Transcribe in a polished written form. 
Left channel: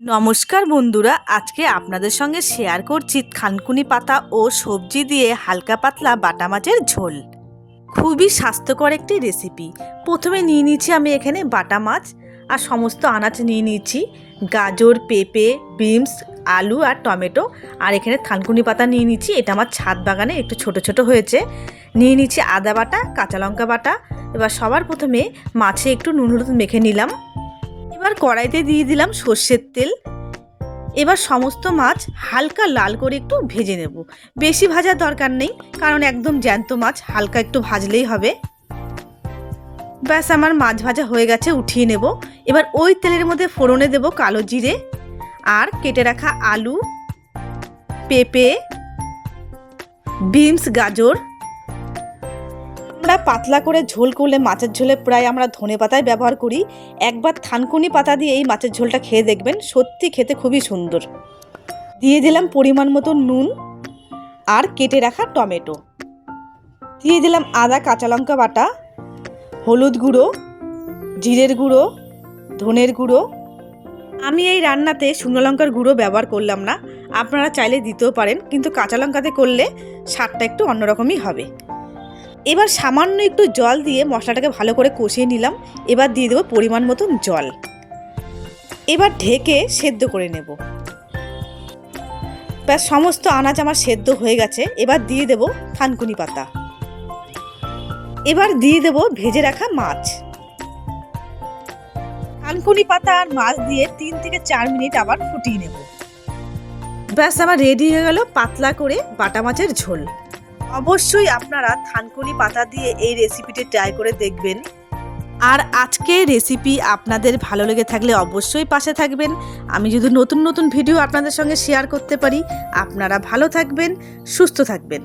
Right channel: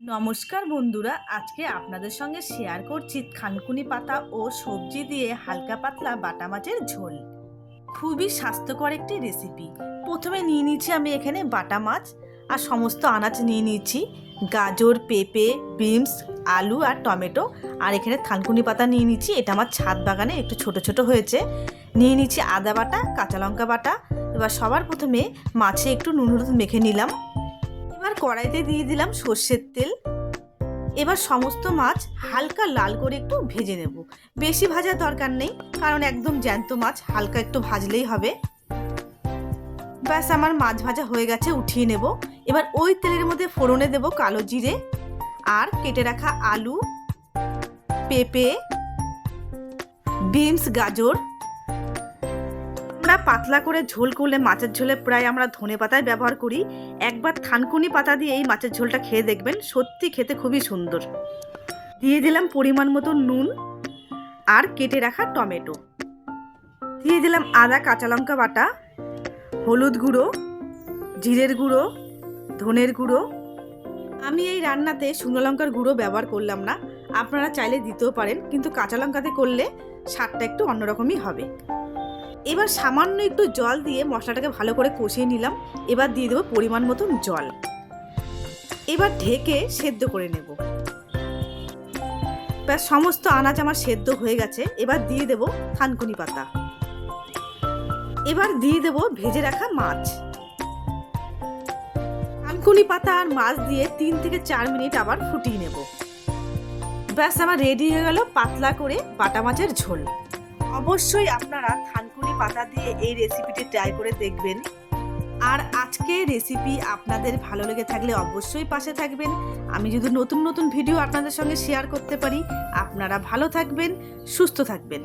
নমস্কার বন্ধুরা, আজকে আপনাদের সঙ্গে শেয়ার করছি থানকুনি পাতা ও সবজি দিয়ে হালকা পাতলা বাটা মাছের ঝোল। খুবই স্বাস্থ্যকর একটি রেসিপি। প্রথমে নিয়ে নিচ্ছি আমি এখানে বাটা মাছ আর সমস্ত আনাজ নিয়ে নিচ্ছি, গাজর, পেঁপে, বিনস, আলু আর টমেটো। আর এখানে থানকুনি পাতা নিয়ে নিচ্ছি, এটা আমার ছাদ বাগানে একটু ছোট ছোট হয়েছে। নিয়ে নিচ্ছি আদা বাটা, কাঁচা লঙ্কা বাটা। এবার সবার প্রথমে মাছে একটু নুন হলুদ মেখে নিলাম। এবার কড়াইতে দিয়ে দিলাম সর্ষের তেল। এবার সমস্ত মাছ হালকা লাল করে একটু ভেজে নেব। বেশি ভাজার দরকার নেই, কারণ একদম জ্যান্ত মাছ, হালকা একটু ভাজলেই হবে। ব্যাস, আমার মাছ ভাজা হয়ে গেছে, উঠিয়ে নেব। এবার ওই তেলের মধ্যে ফোড়নে দেব কালো জিরে আর কেটে রাখা আলু, পেঁপে, বিনস, গাজর। আমরা পাতলা করে ঝোল করলে মাছের ঝোলে প্রায় আমরা ধনেপাতায় ব্যবহার করি। একবার থানকুনি পাতা দিয়ে এই মাছের ঝোলটা খেয়ে দেখবেন, সত্যি খেতে খুবই সুন্দর। দিয়ে দিলাম পরিমাণ মতো নুন আর কেটে রাখা টমেটো। দিয়ে দিলাম আদা কাঁচা লঙ্কা বাটা, হলুদ গুঁড়ো, জিরের গুঁড়ো, ধনের গুঁড়ো। আমি এই রান্নাতে শুকনো লঙ্কার গুঁড়ো ব্যবহার করলাম না, আপনারা চাইলে দিতেও পারেন, কিন্তু কাঁচা লঙ্কাতে করলে স্বাদটা একটু অন্যরকমই হবে। এবার সামান্য একটু জল দিয়ে মশলাটাকে ভালো করে কষিয়ে নিলাম। এবার দিয়ে দেবো পরিমাণ মতন জল। এবার ঢেকে সেদ্ধ করে নেব। ব্যাস, সমস্ত আনাজ আমার সেদ্ধ হয়ে গেছে। এবার দিয়ে দেব থানকুনি পাতা। এবার দিয়ে দেব ভেজে রাখা মাছ। থানকুনি পাতা আর মাছ দিয়ে 3 থেকে 4 মিনিট আবার ফুটিয়ে নেব। ব্যাস, আমার রেডি হয়ে গেল পাতলা করে বাটা মাছের ঝোল। অবশ্যই আপনারা থানকুনি পাতা দিয়ে এই রেসিপিটি ট্রাই করে দেখবেন। আর আজকের রেসিপি আপনাদের ভালো লেগে থাকলে অবশ্যই পাশে থাকবেন। আমি যদি নতুন নতুন ভিডিও আপনাদের সঙ্গে শেয়ার করতে পারি। আপনারা ভালো থাকবেন, সুস্থ থাকবেন।